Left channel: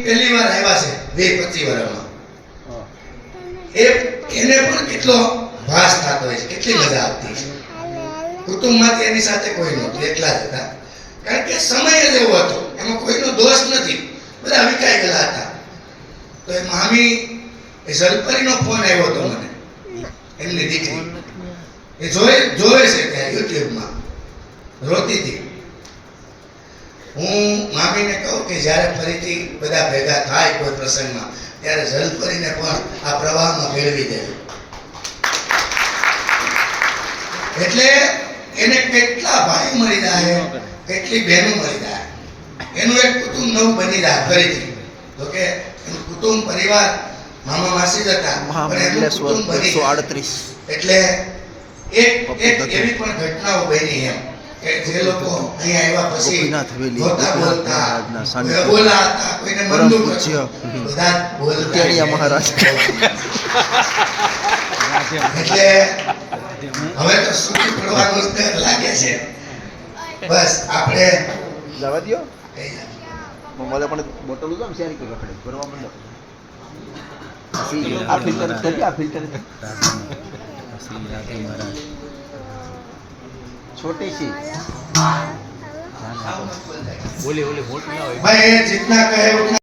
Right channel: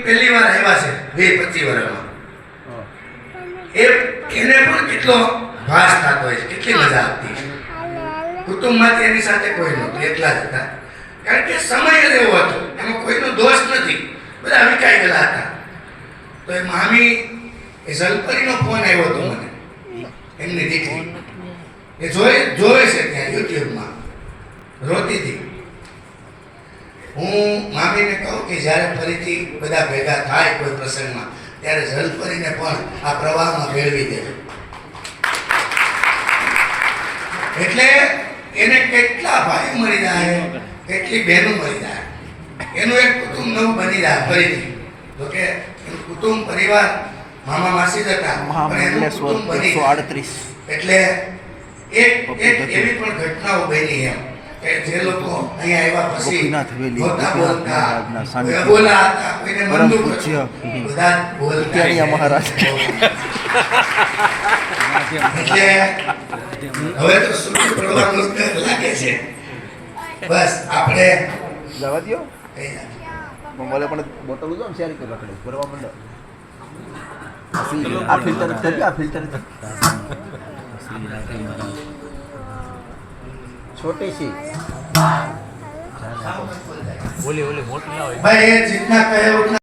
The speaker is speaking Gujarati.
પહેલી વાર આવ્યા છે 20-25 વર્ષમાં એને પણ કેટલો ભાસ થતો હોય છે, કેટલી મજા આવતી છે. કુટુંબમાંથી એની સાથે કોઈ નહોતું, એકલા જ હતા. કારણ કે સમય જ એવો હતો, એમાં કોઈનો દોષ નથી, બધા વિકાઈ ગયેલા હતા. તો એ મામી એ જલપરીનો ફોન આવ્યો હતો મને, એમની દીકરી એ જોવે છે ત્યાં યુટ્યુબમાં, રોતી હતી. હું મામીને કહું કે જ્યારે ફરીથી બધા ભેગા થાય કોઈ પ્રસંગમાં ત્યારે જલપરીને પણ આ પ્રવાહમાં ભેળવી દે. એટલે એને કેટલા ભાઈ મળી જાય, કેટલી બહેનો મળી જાય, એનું એક કુટુંબ નવું બની જાય ફરીથી. તો કે એનું કુટુંબ પરિવાર મામા માસી જ હતા, પણ એનું કુટુંબ બની 138 એટલે એક એવી પણ ઘટનાઓ બની એમ કે જે લોકો અહીંયા આવ્યા પછી ગોપીનાથ હવેલી, બોલતા ગોપીનાથ બોલતા મહારાજના સાનિધ્ય, બોલા હતા, કોઈને પરમ મંદુ પૂજ્ય બધા બોલતા ઉત્યાણીયા મહારાજ. એટલે હવે તો સુખી પડવાનું જ ડર લાગે છે. બસ આપણે જવા દ્યો. મને પણ બોટલ ઉજો ને શેરી કે રખડે ભરવા માંડો. આ ફિલ્ટર કરી, આ ફિલ્ટર छोटी सी बोली बोली मोटी ना हो भाई जितना कहे उतना